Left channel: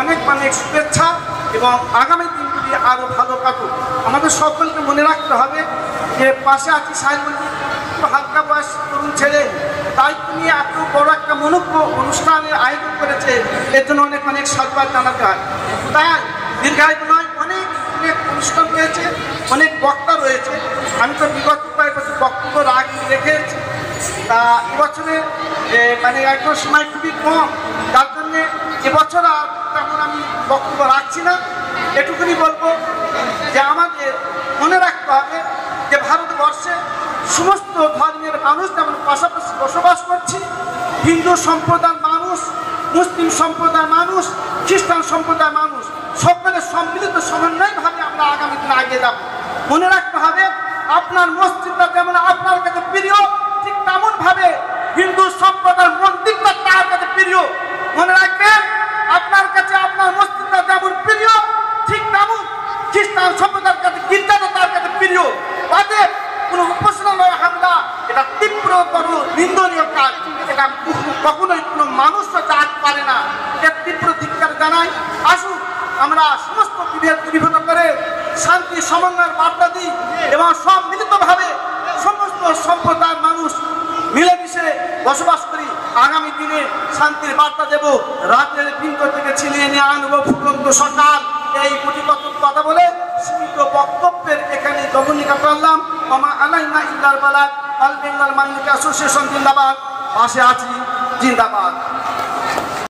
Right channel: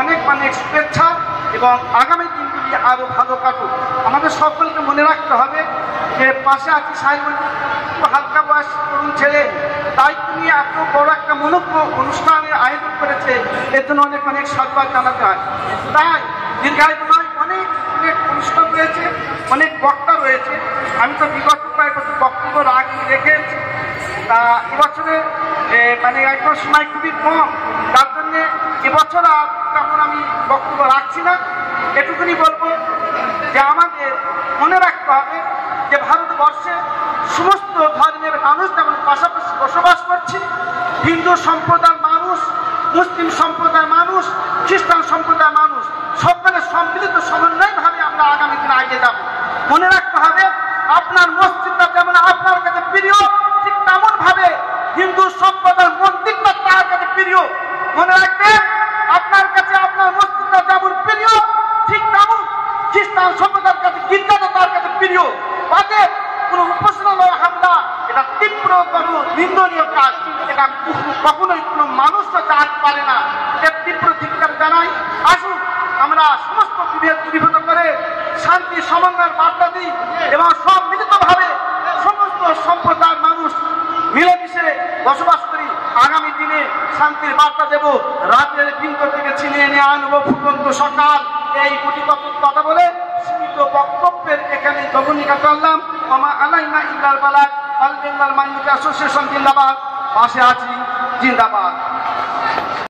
অনেক অনেক শুভেচ্ছা এবং আগামী দিনগুলি আরও ভালো কাটুক। আমাদের সকলকে মনে রাখতে হবে যে পাশে আছি সাহেবুল্লাহ, হালকা বয়স তরুণ ছেলে, দায়িত্ব নিয়ে এত বড় একটা মনোজ্ঞ অনুষ্ঠানের আয়োজন করেছে, এর জন্য অনেক অনেক সাধুবাদ জানাতে হয়। তাই দীর্ঘায়িত নয়, অনেক অনেক অনুষ্ঠান রয়েছে, অনেক বক্তা রয়েছে। আমি তো বিগত কয়েক বছর বক্তব্য রেখেছি, তা এবছরে মানে একদম সময় খুবই কম, তার জন্যে এবছর আর তেমন আমি বক্তব্য রাখছি না। এটুকুনি বলবো যে আমাদের মনে রাখতে হবে যে ভারতবর্ষে সমস্ত ধর্মের মানুষ যেমন পাশাপাশি বসবাস করছি, হিন্দু সম্প্রদায়ের মানুষ, মুসলিম সম্প্রদায়ের মানুষ, খ্রিস্টান সম্প্রদায়ের মানুষ, সকলের সম্মিলিত সমন্বয়ভাবে আমরা আগামী দিনে এগিয়ে যাব। মনে রাখতে হবে আপনার মসজিদটা যেমন আপনার কাছে প্রিয়, ঠিক তেমনভাবে হিন্দু সম্প্রদায়ের মন্দিরটা তার কাছে প্রিয়। মনে রাখবেন আপনার কাছে আপনার মসজিদটা যেমন প্রিয়, ঠিক তেমন খ্রিস্টান সম্প্রদায়ের কাছে গির্জাটা তার কাছে প্রিয়। তাদের কোনো উপাসনালয় হামলা এটা তীব্রতর নিন্দনীয় কাজ, এটা কখনোই কোনো মানুষও চাইতে পারে না। এটা তীব্র ধিক্কার জানাই। আসুন আমরা সমস্ত বিভেদ দূরীভূত করে শান্তি সমন্বয়ের বার্তা দিই এবং সব মিলিতভাবে সমস্ত সম্প্রদায়ের মানুষ মিলেমিশে বসবাস করি। আগামী দিনে শান্তির বার্তা দেব। রাতের বৃন্দ থেকে ছিনিয়ে নিয়ে আনবো ফুটন্ত সকাল। এই কথা বলে সীমিত বক্তব্যের এখানে দমনিকা করলাম। আমার আলাইনা ইল্লাল বালাগ আল বেঙ্গল মাইনুক অ্যাসোসিয়েশন জিন্দাবাদ, পাশে আছি জিন্দাবাদ।